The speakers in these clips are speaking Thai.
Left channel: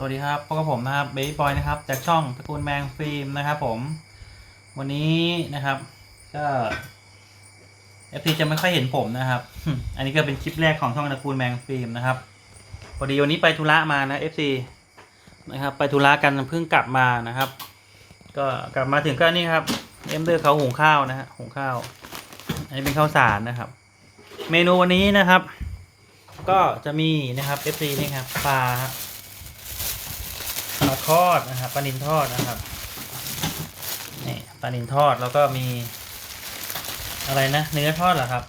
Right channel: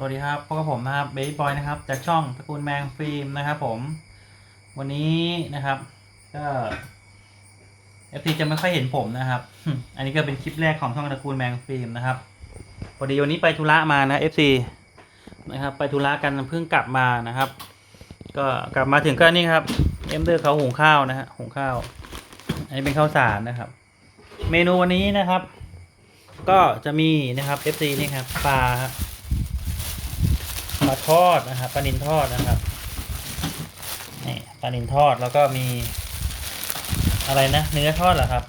สวัสดีครับพบกับผมนะครับเบย์บอยนะครับ จากช่องตระกูลแมงฟิล์มนะครับผม วันนี้นะครับก็เอฟซีจะไม่ค่อยเห็นผมนะครับ อันนี้ก็เป็นคลิปแรกของช่องตระกูลแมงฟิล์มนะครับพอดีวันนี้ไปธุระมานะเอฟซีนะครับ ไปธุระกันเพิ่งกลับมานะครับ ก็กลับมาถึงก็นี่ครับเอ็มเดอร์เขาหุงข้าวนะฮะหุงข้าว อันนี้เป็นข้าวสารนะครับ เมนูวันนี้นะครับ ก็จะมีนะครับเอฟซีนี่ครับปลา ปลาทอดนะครับปลานินทอดนะครับนี่ปลานินทอดแล้วก็มี อะไรนะ เนื้อทอดเหรอครับ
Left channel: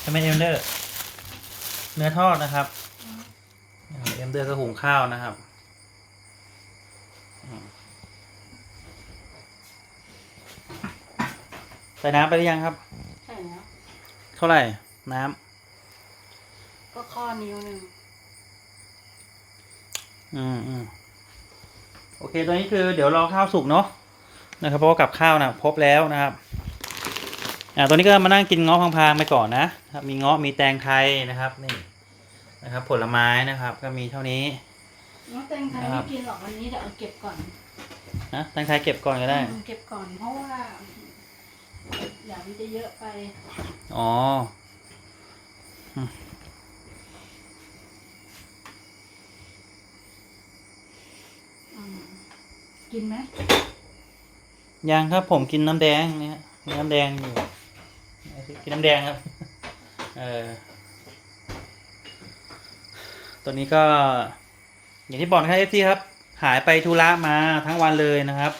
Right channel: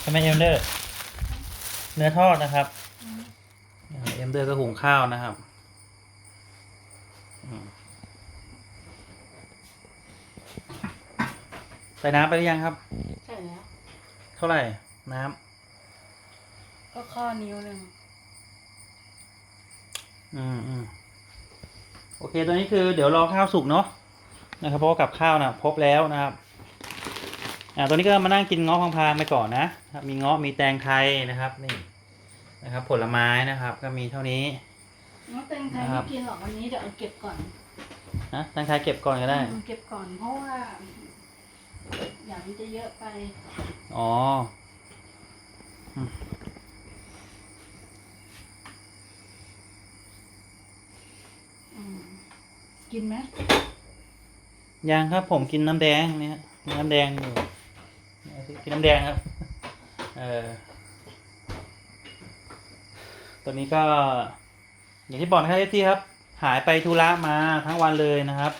ใช่ไหมเอ็มเดอร์เนื้อทอดนะครับเอ็มเดอร์ก็หุงข้าวนะครับอืมใส่น้ำไปหรือยังครับใช่แล้วเท่าไหร่น้ำก็ข้อนิ้วหนึ่ง อืมอืมโอเคตอนนี้คือเดี๋ยวรอข้าวสุกเนาะนะครับเพราะว่ากับข้าวนะครบแล้วนะครับอ่าตัวนี้ก็มานั่งกินเงาะพังพางๆไปก่อนนะครับมีเงาะมีแตงไทยนะครับนี่นะครับ ผลไม้นะครับ ก็มีเท่านี้ น้องแตงไทยครัไม่บกินหรอกวันนี้เดี๋ยวเอาเก็บก่อนนะแตงไทยเก็บก่อนก็ได้ อืมเก็บก่อนเพราะว่าอย่างนี้จะเยอะไป อ๋ออืม กินไหมยังครับผมกินน้ำแดงเนี่ยกินน้ำแดงอยู่กินน้ำแดงครับเออตัวนี้ก็ อย่างที่บอกนะครับเอฟซีครับ หายไปธุระมาทั้งวันเลยนะครับ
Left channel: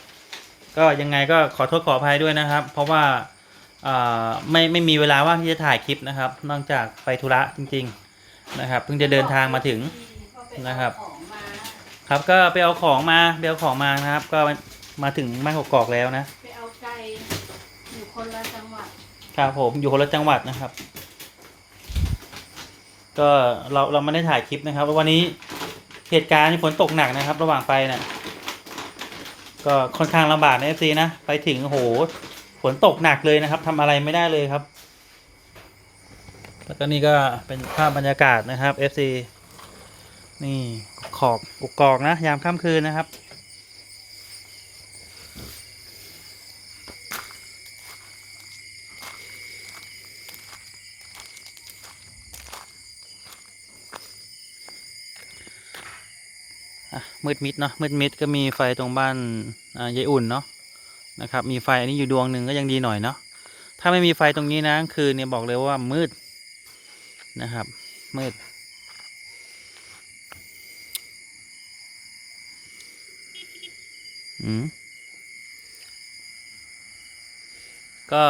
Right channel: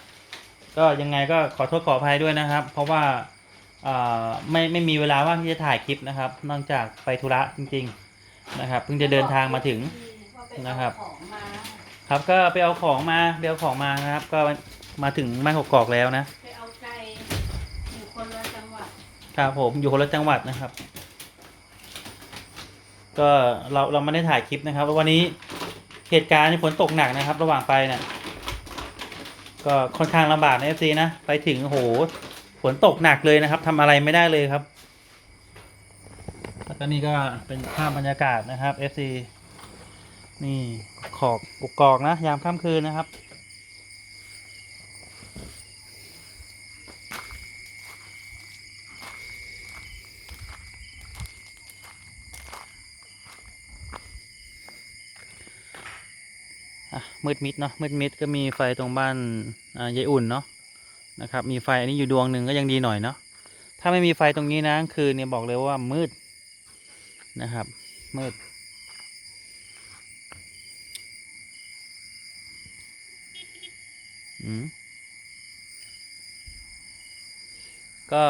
ก็ยังไงก็ขอโทษขออภัยด้วยนะครับ เพราะว่าไม่ไม่มีเวลาว่างที่จะถ่ายคลิปนะครับ นอกจากไปธุระจริง ๆ นะครับ เพิ่งจะเดินทางมาถึงนะครับ ครับก็ไปเอาของมาเดี๋ยวเอาของมานะครับ ก็มาถึงบ้านกอกๆแล้วนะไปเอาไก่อยู่คนละจังหวัดครับผมอยู่คนละจังหวัดนะครับ ก็เราเราไม่ได้ถ่ายคลิปนะครับวันนี้เหตุการณ์ฝนตกหนักนะครับ ระหว่างไปเนะ่ยก็ค่อนข้างลำบากนะเอฟซีนะไปถึงโอ้โหฝนตกหนักเลยนะครับทำอะไรไม่ได้เลยครับแล้วก็นี่ก็เป็นภาพบรรยากาศนะครับ FC นี่ขอบกกกอกนะ ยามค่ำคืนนะครับอะมืดมิดเนาะมืดมิดก็มีไฟตรงบ้านอ่ายายอุ่นเนาะนะครับ มีไฟอันนี้อยู่ดวงหนึ่งก็ยังดีหน่อยเนาะถ้าไม่มีไฟตรงนี้นะคืนเนี่ยบอกเลยว่ามืดนะครับ มืด อืม ก็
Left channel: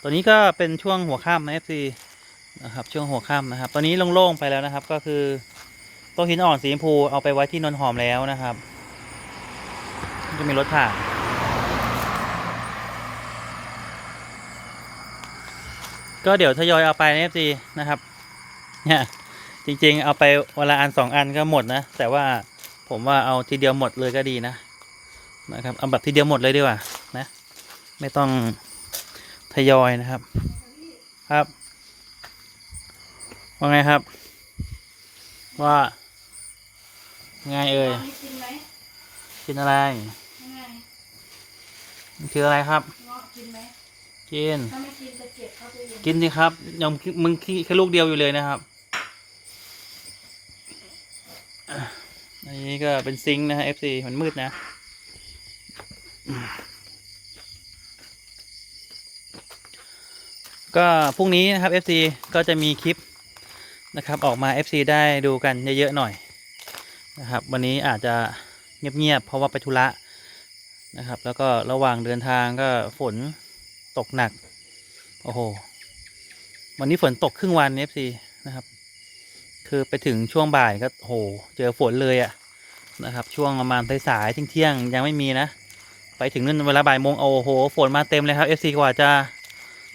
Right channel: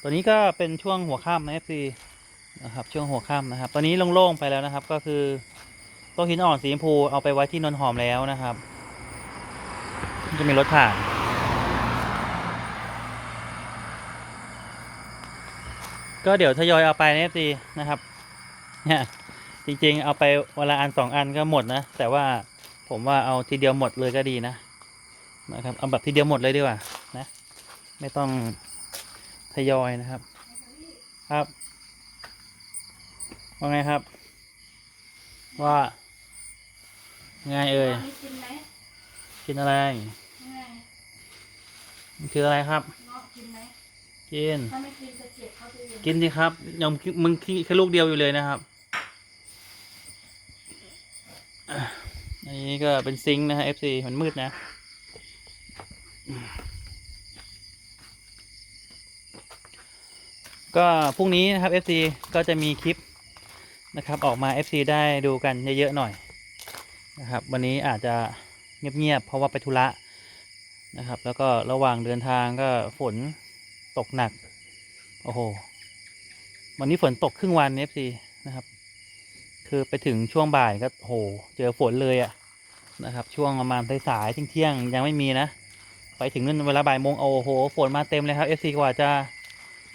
ตัวนี้ก็เป็นช่วงหัวค่ำนะ FC นะครับ ช่วงหัวค่ำนะครับ ตอนนี้โล่งๆไปแล้วนะครับ ก็คือโต๊ะหินอ่อนสีชมพูเอาไปไว้ที่นนหอมแล้วนะครับจะมีรถผ่านก็เดี๋ยวทยอยเอาไปนะซีนะครับ เนี่ยจริงๆ เอาไปเวละอันสองอันก็หมดนะ แต่ว่าผมว่าเอาทีเดียวหมดเลยก็ดีนะ นะครับเอาแบบทีเดียวหมดเลยดีกว่านะ ไม่ต้องทยอยนะครับ ครับว่าไงครับ ว่าไงเอ่ยอันนี้กินไหมกินอะไรมันคืออะไรครับกินไหมกินกินสิครับยังมึงขี้แค่ลูกเดียวอยู่เลยนะครับอันนี้ก็เป็นซิงค์นะฮะ FC มันมืดนะ ก็พรุ่งนี้นะครับ FC ก็จะมีคลิปนะครับ ออกมา FC ได้ดูกันเยอะๆหน่อยนะครับ วันนี้อาจจะเงียบๆเพราะว่าไปธุระนะครับ แล้วก็ระหว่างเดินทางก็ฝนตกหนัก โอ้โห วันนี้ฝนตกครึ่งวัน FC นะครับ คือไปถึงช่วงบ่ายก็โห เจอฝนเลยอะนะครับ ช่วงประมาณสายๆเที่ยงๆยังไม่มีนะ ถึงนู่นเวลาบ่ายโมงโอ้โหฝนมาเต็มเลยครับ FC กว่าจะ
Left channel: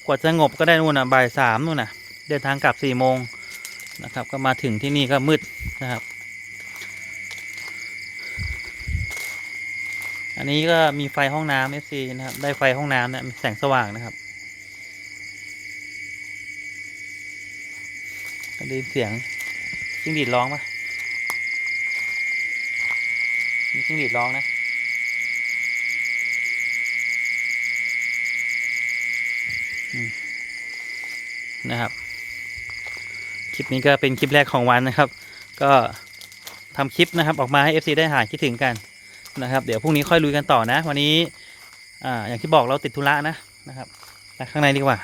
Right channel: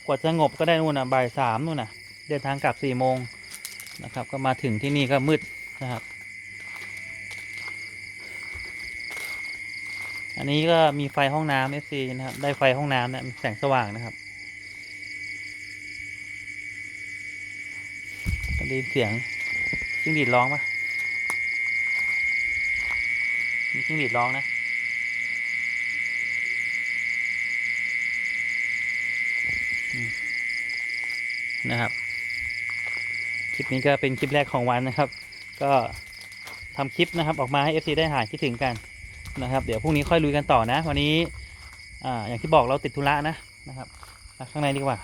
กว่าจะสงบก็ได้นู่นน่ะบ่ายสามนู่นน่ะ เดินทางกลับสี่โมงนะครับ ก็มาถึงที่นี่ก็มืดนะครับ อันนี้ก็มีไฟห้องน้ำ FC นะครับ ได้ไฟห้องน้ำนะมีแสงสว่างนะครับได้ยินเสียงจิ้งหรีดร้องปะมีจิ้งหรีดร้องนะ นะครับ คลิปนี้ก็เป็นคลิปแรกของวันนะครับ ก็ทำคลิปนะครับออกมาให้ FC ได้หายคิดถึงกันนะครับ เดี๋ยวพรุ่งนี้ค่อยลุยกันต่อนะ วันนี้อ่าอย่างที่บอกเราติดธุระนะนะครับไปข้างในดีกว่า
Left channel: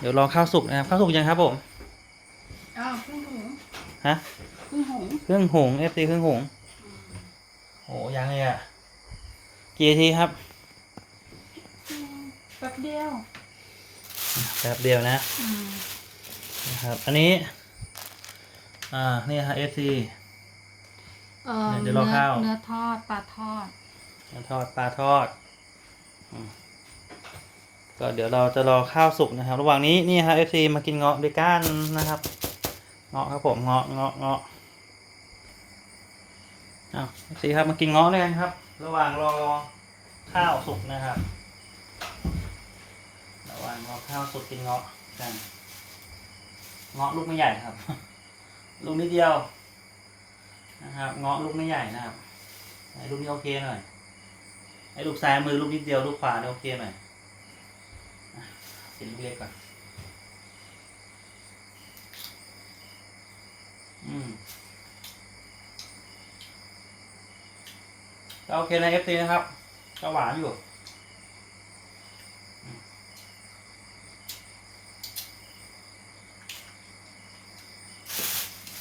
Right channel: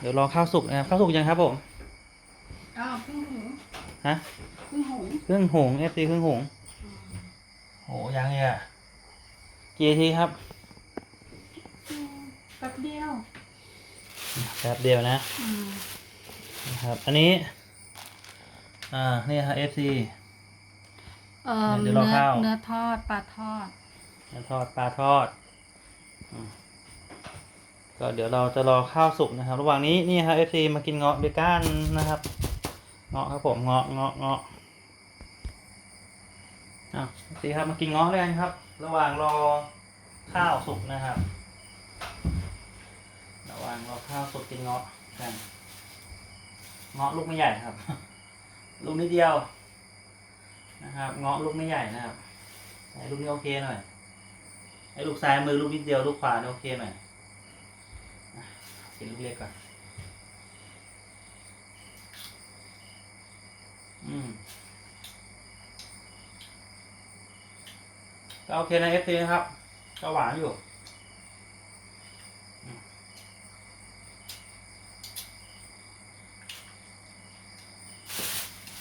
เดี๋ยวรอข้าวสุกนะครับข้าวสุกยังครับผมอ้าวพึ่งหงฮะพึ่งหงเครื่องหง FC เครื่องหงโอ้ยังเลยอะกี่นาทีครับอืมแป๊บเดียว แป๊บเดียวนะอืมนะครับ อันนี้ อ่า นี่ครับ FC เอ่อเดี๋ยวรอข้าวเนื้อทอดปลาทอดทอดปลาทอดอืมก็เดี๋ยวเราจะรอข้าวสุกนะครับ ระหว่างนี้นี่ครับ FC มากินเงาะเบก้านนะครับ เงาะครับผมเงาะเงาะเงาะอ้าว FC ครับมากินเงาะเลยกันครับ ระหว่างรอข้าวสุกนะครับ ระหว่างรอข้าวสุกกินเงาะกันเงาะลูกไม่ใหญ่ครับ ลูกนิดเดียว นะครับ เงาะลูกไม่ใหญ่นะครับไหนลูกนี้โอเคหน่อยไอ้ลูกซ้ายมือลูกนิดเดียวลูกขวาเนี่ยโอเคหน่อยเป็นลูกเล็กก่อนอืมก็โอเคนะเอฟซีนะครับก็หวานอยู่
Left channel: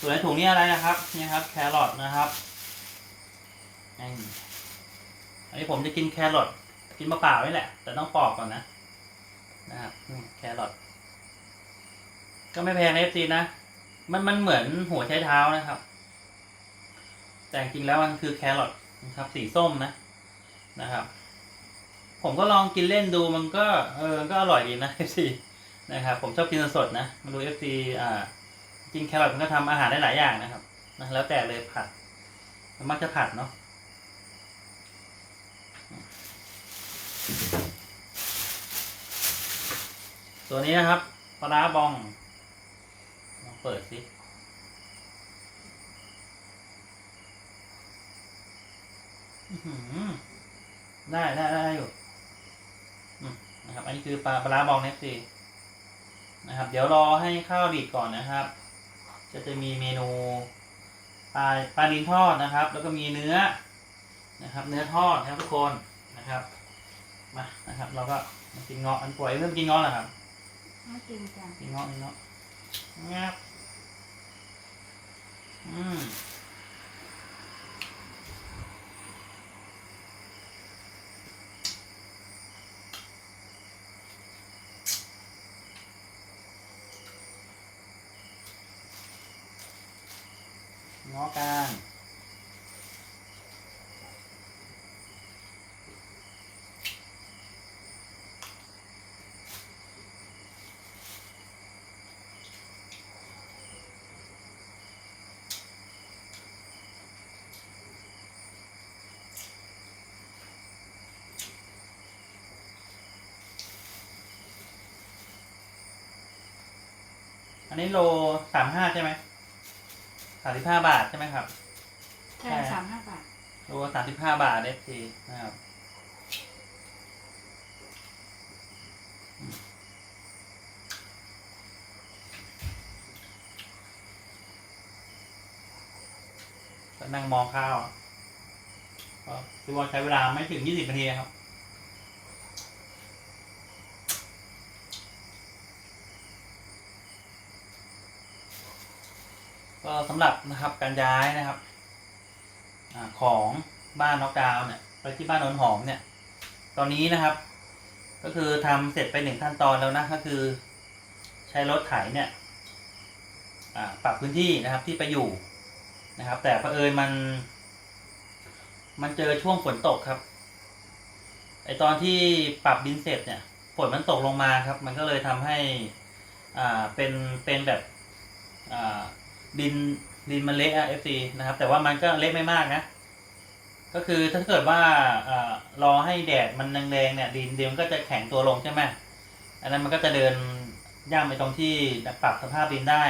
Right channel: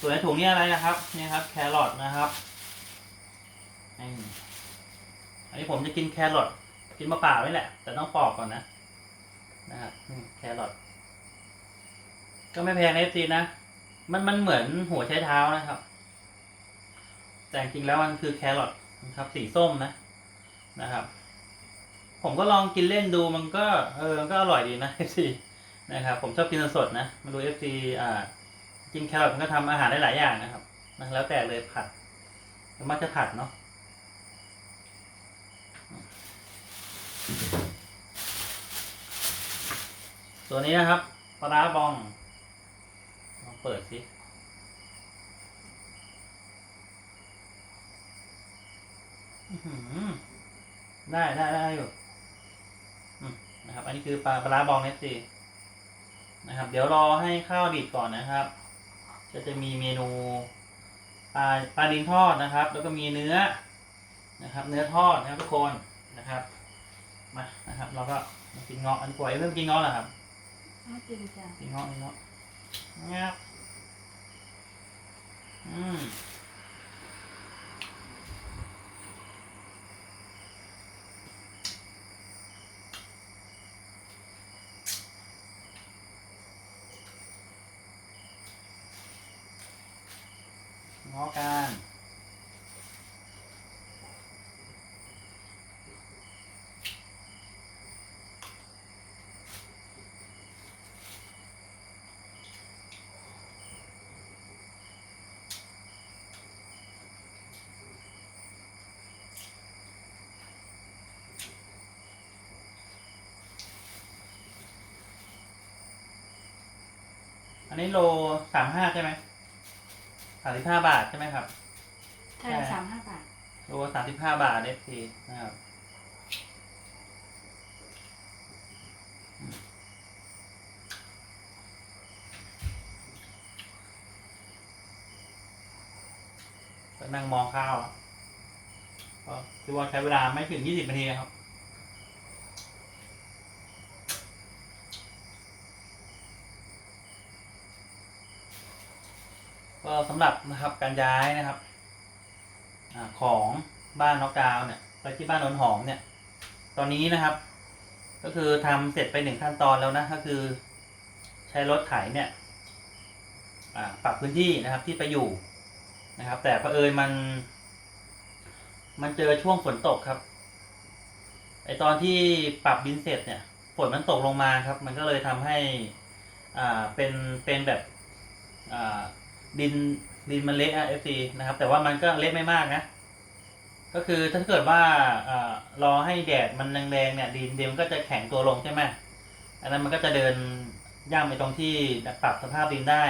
ส่วนในถุงนี้อะไรนะครับนี่ครับแครอทนะครับอันนี้ผมจะกินแครอทกินมะเปล่านี่แหละ แต่ต้องปอกก่อนนะนะครับแครอทก็ไม่แพงนะจีนะมันมันเหมือนหัวใช้เท้านะครับ แต่จริงแล้วมันคือแครอทนะครับ สีส้มนะนะครับ ผมก็ลองกินเล่นดูมันก็ เออก็อร่อยดีนะ FC นะครับ ผมชอบกินสดนะไมาดู FC อ่า กินแครอทก็ทำอาหารได้หลายอย่างนะครับนะแล้วแต่เลยผัดมักจะผัดเนาะตัวนี้นะครับปลาบองลองเปิดสิได้ได้ได้อยู่นะครับ อันนี้คือปลาปลาบองเนฟซีนะครับ เดี๋ยวรอให้ข้าวดีดก่อนนะครับ ก็จะมีเมนูปลาปลาลิงทอดนะครับ แล้วก็มีเนื้อนะครับ เนื้อทอดนะครับทุกคนนะครับมานะครับ เราก็มากินเงาะอันกว่าเริ่มกินเงาะแล้วครับไม่กินจ้ะกินเงาะกินเงาะงับอืม งาะกันอันนี้โลสามห้าใช่ไหม สามสิบห้าบาทใช่ไหมครับ ใช่ใช่ สามห้าบาท โลสามสิบห้าบาทเอฟซีนะครับอืมก็นั่งมองข้าวอะก็คือว่าใช้เวลาไม่ถึงยี่สิบนาทีครับ สำหรับนะครับการย้ายนะครับอของบ้านน็อกดาวน์เนี่ยไปที่บ้านนนหอมเนี่ย ตอนนี้นะครับ ก็คือทำเสร็จไปหนึ่งขั้นตอนแล้วนะก็คือ ใช้รถไถเนี่ยปรับพื้นที่นะครับที่ไปอยู่นะครับ แต่เผอิญมัน มันเจอช่วงฝนตกครับไอตอนที่ปรับดินเสร็จเนี่ยฝนมันตกลงมาครับ มันก็เลยทำให้อ่าเป็นเป็นแบบอ่า ดินดินมันเละอะเอฟซีนะครับ แต่ว่ามันก็เละไม่มากนะ ก็คือถ้าเกิดว่าเอ่อรอให้แดดมันแดงๆเนี่ย ดินดินมันก็จะแข็งตัวลงใช่ไหมอันนั้นมันก็จะเดินย่ำไปตรงที่ปรับสภาพดินได้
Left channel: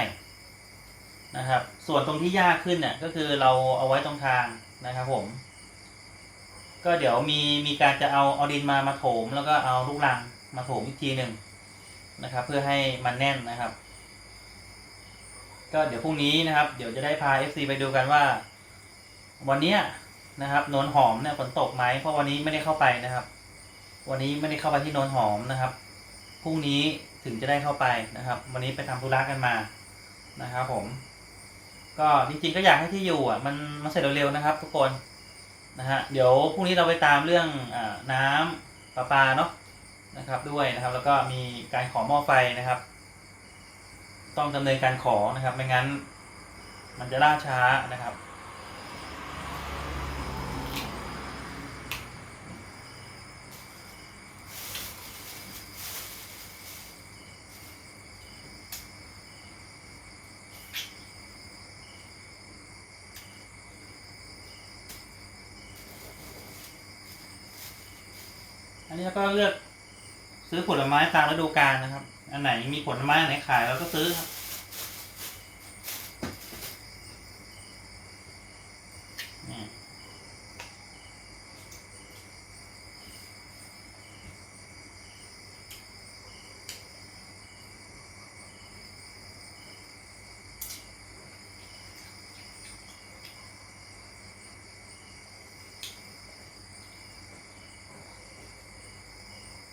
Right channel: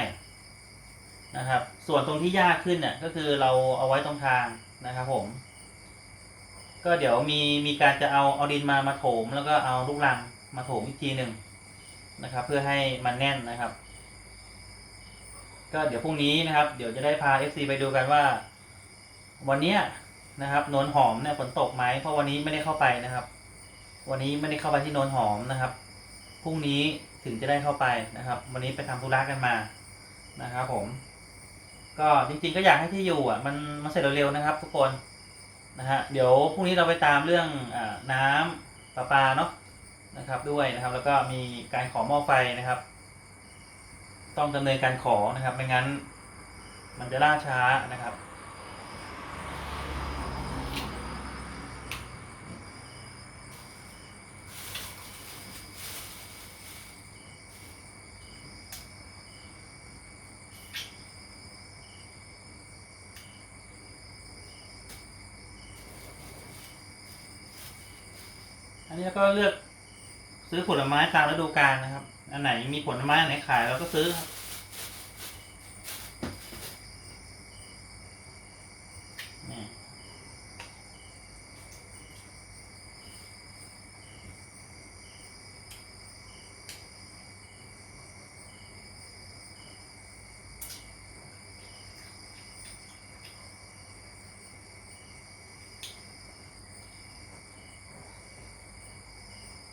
นะครับ ส่วนตรงที่ยากขึ้นเนี่ยก็คือเราเอาไว้ตรงทางนะครับผม ก็เดี๋ยวมีมีการจะเอาเอาดินมามาโถม แล้วก็เอาลูกรังมาโถมอีกทีหนึ่งนะครับ เพื่อให้มันแน่นนะครับ ก็เดี๋ยวพรุ่งนี้นะครับ เดี๋ยวจะได้พา FC ไปดูกันว่า วันเนี้ยนะครับโนนหอมเนี่ยฝนตกไหมเพราะวันนี้ไม่ได้เข้าไปนะครับ วันนี้ไม่ได้เข้าไปที่โนนหอมนะครับพรุ่งนี้ถึงจะได้เข้าไปนะครับ วันนี้ไปทำธุระกันมานะครับ ผม ก็จริงๆก็อยากให้ที่อยู่อะมันมันเสร็จเร็วๆนะครับ ทุกคนนะฮะเดี๋ยวพรุ่งนี้เราไปตามเรื่องอน้ำประปาเนาะนะครับ ด้วยนะครับ แล้วก็มีการขอหม้อไฟนะครับ ต้องดำเนินการขอนะครับ ไม่งั้น มันจะล่าช้านะครับ อันนี้เราก็เลือกซื้อผลไม้ตามฤดูกาลนะครับ อันไหนมีผลไม้อันไหนขายเราก็ซื้อครับนี่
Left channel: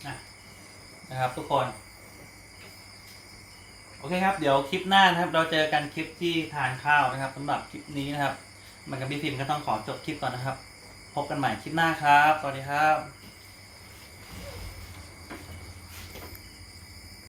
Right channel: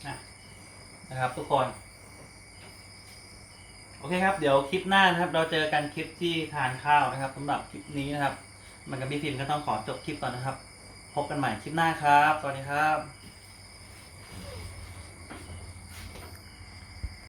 อะนะครับทุกคน เคครับ เดี๋ยวคลิปหน้านะครับ เราเจอกันคลิปที่ทานข้าวนะครับสำหรับคลิปนี้นะครับ มันกับพี่พิมก็ต้องขอจบคลิปก่อนนะครับ พบกันใหม่คลิปหน้าครับ สวัสดีครับ